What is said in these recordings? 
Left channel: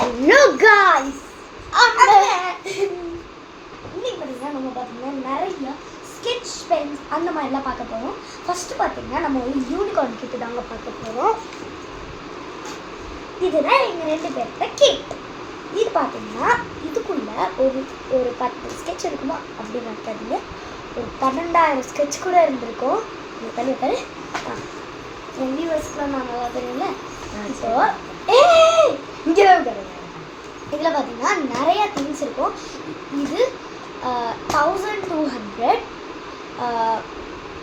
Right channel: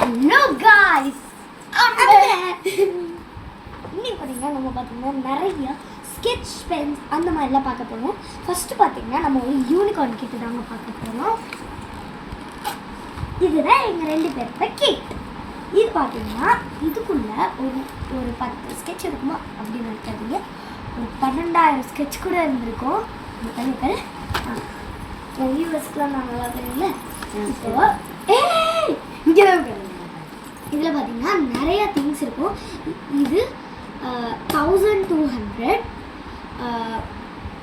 Hello guys, இன்னைக்கு பார்த்தீங்கன்னா நம்ம பார்த்தீங்கன்னா நிறைய ஸ்கெட்ச் பென்ஸ் அந்த மாதிரிலாம் பார்க்க போகிறோம். ஃபஸ்ட்டு பார்த்தீங்கன்னா நம்ம ஒரு யூனிகார்ன் கிட்டு தாங்க பார்க்க போகிறோம். இதுதான் எங்கள் 2 பேரோட கிட். இது பார்த்தீங்கன்னா இதுக்குள்ள ஒரு 10 ஸ்கெட்ச் இருக்குமா அப்படின்னு இருக்காதீங்க, ஒரு 12,000 ஸ்கெட்ச் கூட இருந்திருக்கும். இந்த தண்ணி பேர் என் வியூவர்ஸ்க்குலாம் நான் நல்லா தெரியல. ஸோ இங்கே இதில் பார்த்தீங்கன்னா நிறையா திங்ஸ் இருக்கும். இது 1200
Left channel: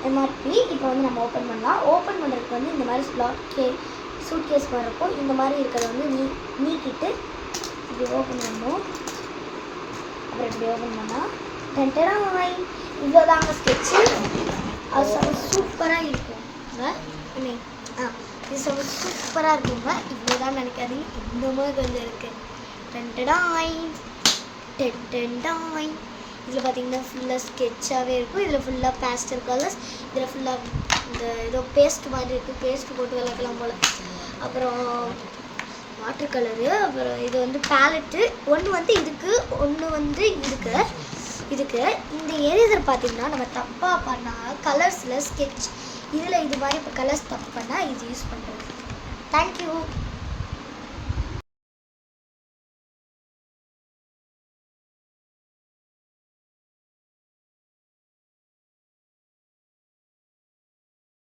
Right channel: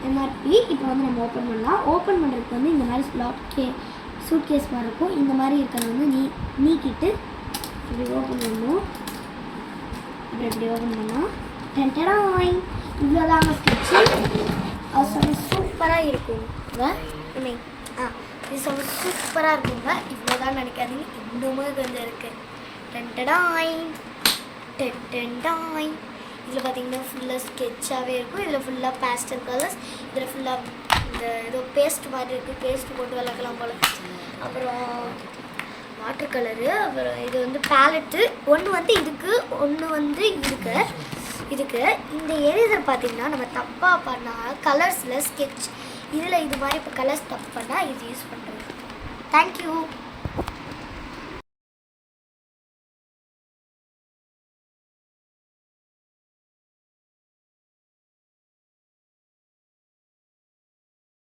எம்ஆர்பி. இப்போ வந்து நம்ம ஓப்பன் பண்ணலாம். ஓப்பன் பண்ணுறதுக்கு வந்து இந்த மாதிரி சூட் கேஸ் மாதிரி இருக்கும். இந்த மாதிரி இருக்கிறத வந்து நீக்கிட்டு இப்படி ஓப்பன் பண்ணணும். அப்புறம் இப்படி ஓப்பன் பண்ணால் டென்டராய் இவ்வளோதாங்க ஸ்கெட்சு. அது சூப்பராக இருக்குங்க. இது சூப்பராக இருக்குங்க. இவ்வளோதான் நினைக்காதீங்க, இன்னுமே கொஞ்சம் இருக்குது. டென்டடாய் டென்டடாய். இதில் பார்த்தீங்கன்னா ஃபுல்லாக ஸ்கெட்சாகவே இருக்கும். இதில் ஃபுல்லாக பேஸ்டல் கலர்ஸ். இதில் ஃபுல்லாக இந்த ஏதோ பேஸ்ட் மாதிரி இருக்குது, பேஸ்ட் போட்டு விளக்கலாம் போல். அப்புறம் வாட்டர் கலரு. அப்புறம் இது வந்து பேலட்டு. ஒன்று வந்து ஒன்று வந்து இதுக்கு இந்த எரேசர் பார்த்தீங்கன்னா நம்ம தப்பாக பண்ணால் கலர்ஸில் ஸ்கெட்ச் இதில் இது மாதிரி இப்போ கலர்ஸ் தப்பு பண்ணால் இது யூஸ் பண்ணுறது. தேங்க்யூ.